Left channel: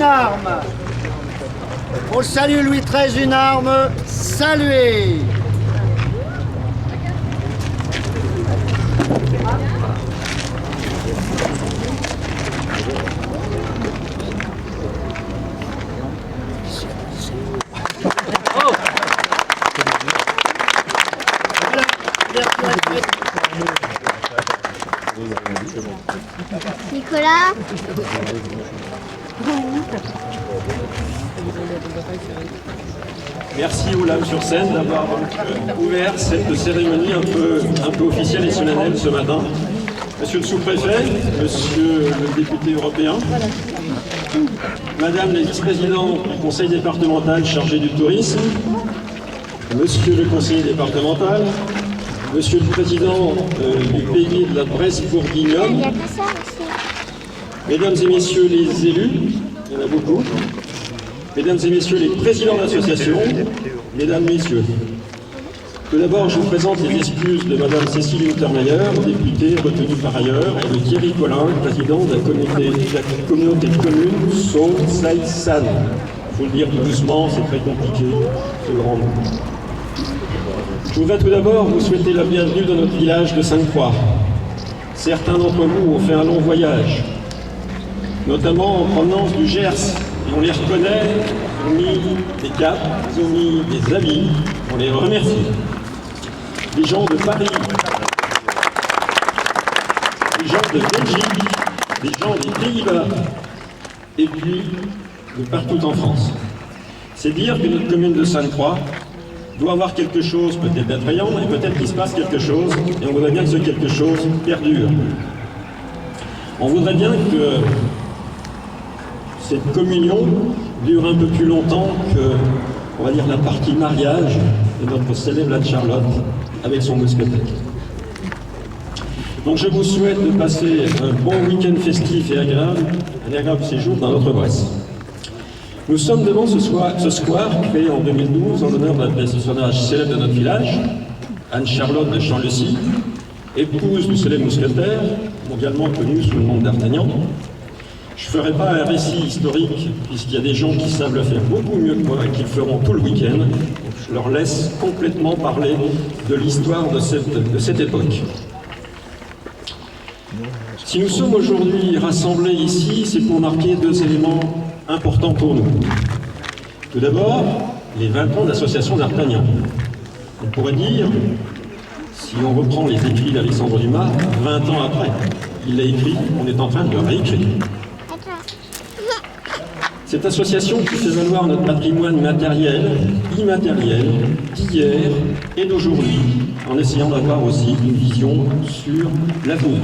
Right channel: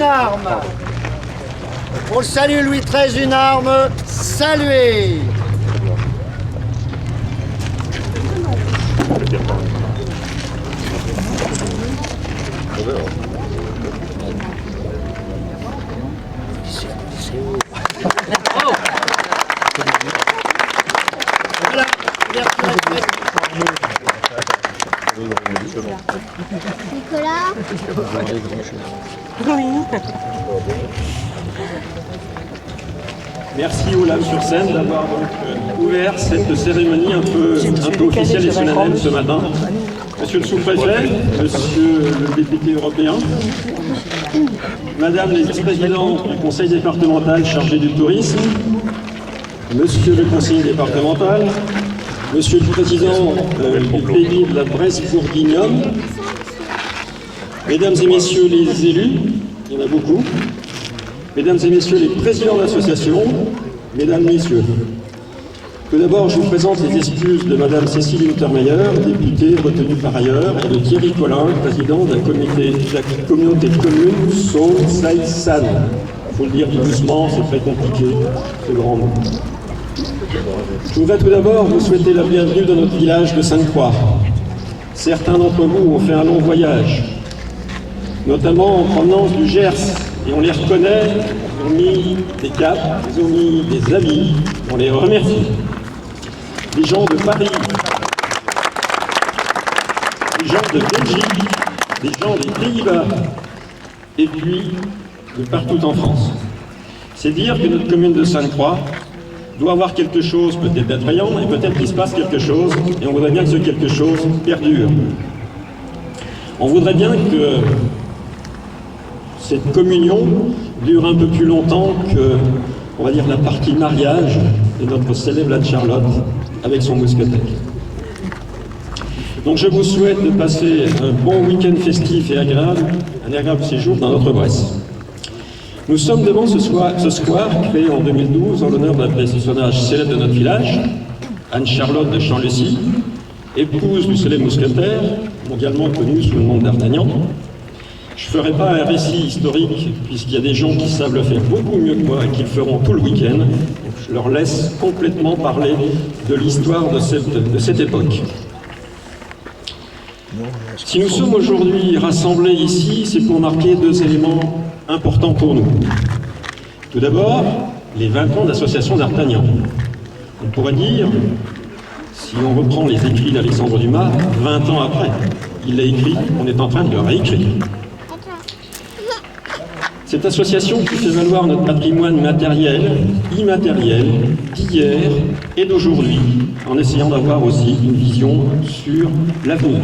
une arme. Pour le salut Louis XIII, une arme, saluez. Nicolas. Merci Olaf sur scène d'avoir ouvert cette cérémonie un peu officielle et solennelle ce matin. Monsieur le sous-préfet, monsieur le député européen, madame les vice-présidents du conseil départemental chargé du tourisme, monsieur le conseiller départemental, monsieur le président du pays de la Bresse-Bourguignonne, mesdames et messieurs les élus, il y en a beaucoup, mesdames et messieurs les présidents d'associations, mesdames, messieurs. Tout d'abord, je vous présente les excuses de madame Cécile Untermeyer, députée retenue par ailleurs, et de Thierry Collin, président de la communauté de communes Saône-Saï-San. Il faut le dire tout doucement, c'est très compliqué, ce grand mot. Je voudrais tout d'abord vous souhaiter la bienvenue dans notre village de Sainte-Croix. Certains d'entre vous ont fait un long voyage, notamment en provenance du Gers, et on les reconnaît, ils ont mis des capes, ils ont mis des habits, on les remercie. Des gens de Paris, des gens de Belgique, des gens des Pays-Bas, et puis de partout en France. C'est dire que notre commune de Sainte-Croix doit avoir quelque chose peut-être d'attrayant, et peut-être qu'il se passe quelque chose, et on voudrait bien que ce quelque chose perdure. On voudrait bien que cette communion dure un peu plus longtemps que, on va dire, la partie mariage de notre célèbre Anne Charlotte avec son mousquetaire. Donc je vous souhaite de passer un bon week-end festif et agréable, un agréable séjour dans notre Bresse. Nous sommes devant ce square créé en 2012 en l'honneur d'un personnage célèbre de notre village, Anne Charlotte de Champ-Lucy, épouse du célèbre mousquetaire, mondialement connu sous le nom d'Artagnan. Je ne ferai pas un récit historique, puisqu'il y a des gens qui savent le faire beaucoup mieux que moi et qui le feront tout le week-end. Je leur laisse complètement parler de l'histoire de cette époque. Si nous sommes aujourd'hui rassemblés ici, c'est pour marquer deux éléments importants pour nous. Tout d'abord, les 20 ans d'association d'Artagnan. On pourrait dire, si on reprend les écrits d'Alexandre Dumas, 20 ans après, il l'a écrit, on est en train de le réécrire. Cette association qui fait valoir notre patrimoine matériel, immatériel, d'hier et d'aujourd'hui, en essayant d'avoir aussi une vision sur l'avenir.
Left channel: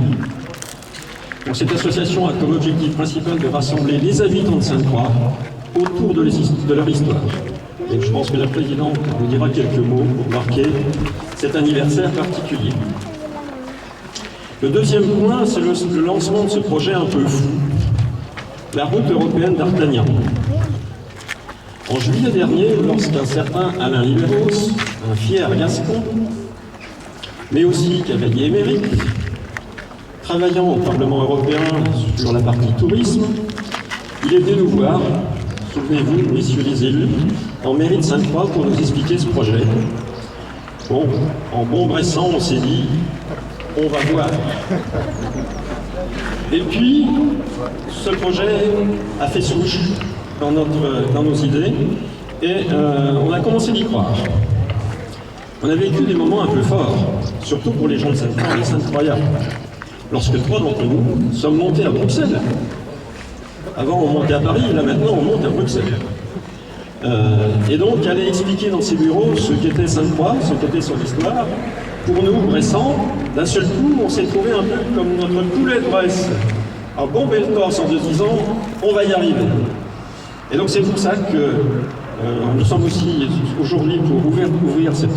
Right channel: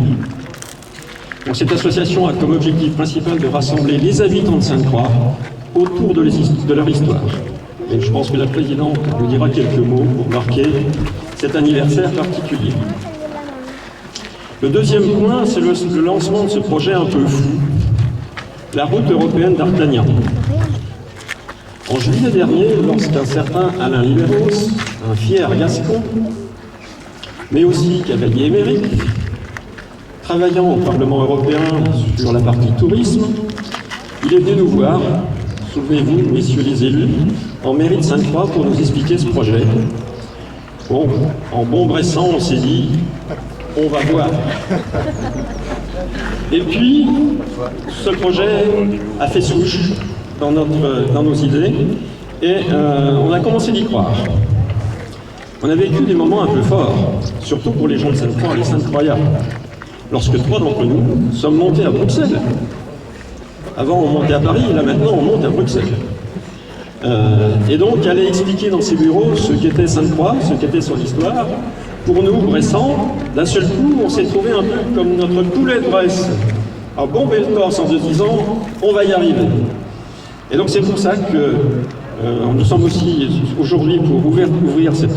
Donc cette association a comme objectif principal de rassembler les habitants de Sainte-Croix autour de leur histoire. Et je pense que la présidente nous dira quelques mots pour marquer cet anniversaire particulier. Le deuxième point, c'est le lancement de ce projet un peu fou, la route européenne d'Artagnan. En juillet dernier, lorsqu'un certain Alain Libéros, un fier gascon, mais aussi cavalier émérite, travaillant au Parlement européen sur la partie tourisme, il est venu nous voir, souvenez-vous, messieurs les élus, en mairie de Sainte-Croix pour nous expliquer ce projet. Bon, en bon bressant, on s'est dit, on va voir. Et puis, ce projet a fait souche dans nos idées, et on a commencé d'y croire. On a vécu des moments un peu forts, surtout pour les gens de Sainte-Croix et les Sainte-Croyards, lorsque trois d'entre nous sommes montés à Bruxelles. Avant, on montait à Paris, là maintenant, on monte à Bruxelles. Et donc, aller expliquer dans ces bureaux ce qu'était Sainte-Croix, ce qu'était son histoire. Pour nous, Bressans, d'un seul coup, on s'est trouvé un peu comme notre poulet de Bresse. Alors, bomber le torse en se disant, on va y arriver. Et donc, c'est pour ça que nous sommes aussi aujourd'hui pour ouvrir cette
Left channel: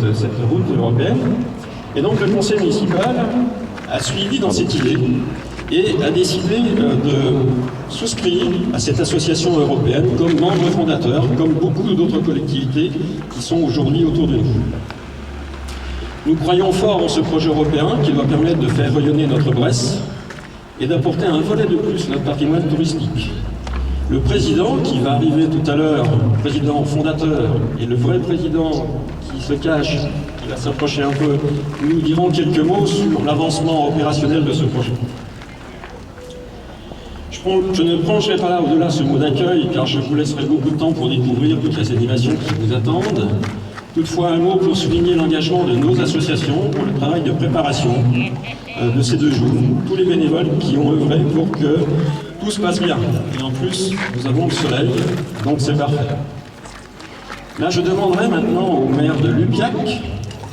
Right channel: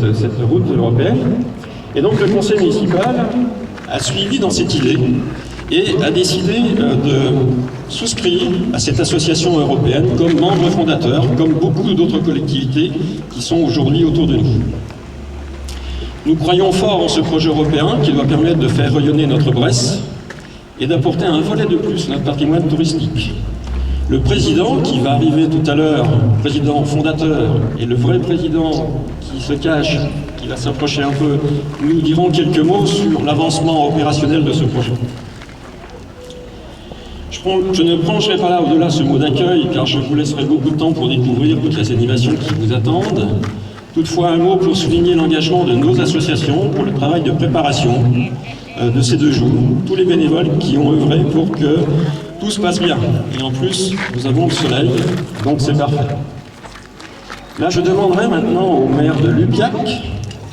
route européenne. Et donc, le conseil municipal a suivi dans cette idée et a décidé de souscrire à cette association européenne comme membre fondateur, comme beaucoup d'autres collectivités qui sont aujourd'hui autour de nous. Nous croyons fort en ce projet européen qui doit permettre de faire rayonner notre Bresse et d'apporter un volet de plus à notre patrimoine touristique. Le président qui va arriver tout à l'heure, le président fondateur, et le vrai président qui se cache, qui va s'approcher un peu, nous diront quelques mots sur l'avancement opérationnel de ce projet. Je ne pencherai pas là au-delà ce mot d'accueil, car je vous laisserai beaucoup de temps pour découvrir toutes les animations qui vous attendent. Toutefois, un mot pour souligner l'engagement de nos associations pour le travail de préparation de ces 2 jours. Tous les bénévoles qui ont œuvré pour que tout se passe bien. Et en plus, nous avons le soleil, donc c'est parfait. Là, je demanderai maintenant au maire de Lupiac,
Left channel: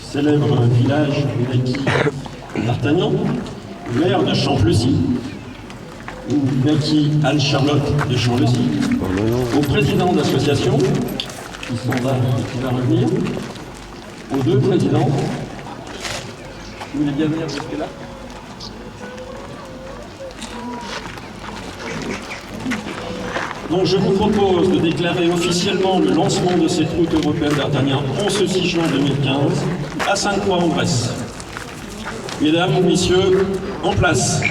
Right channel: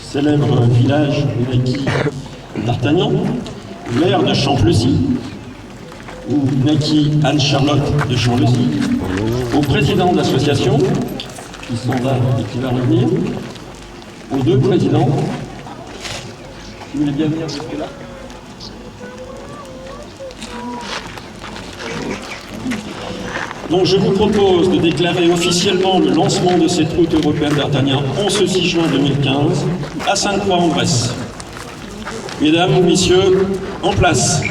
célèbre village maquis d'Artagnan, maire de Champlessis, ou maquis Anne-Charlotte de Champlessis, au président d'association, qui sont là et qui va revenir, aux 2 présidents. Vous voulez bien venir jusque-là? Donc je vous propose de déclarer officiellement le lancement de cette route européenne d'Artagnan en ce 6 juin 2015 à Sainte-Croix-en-Bresse. Mesdames, Messieurs, en place.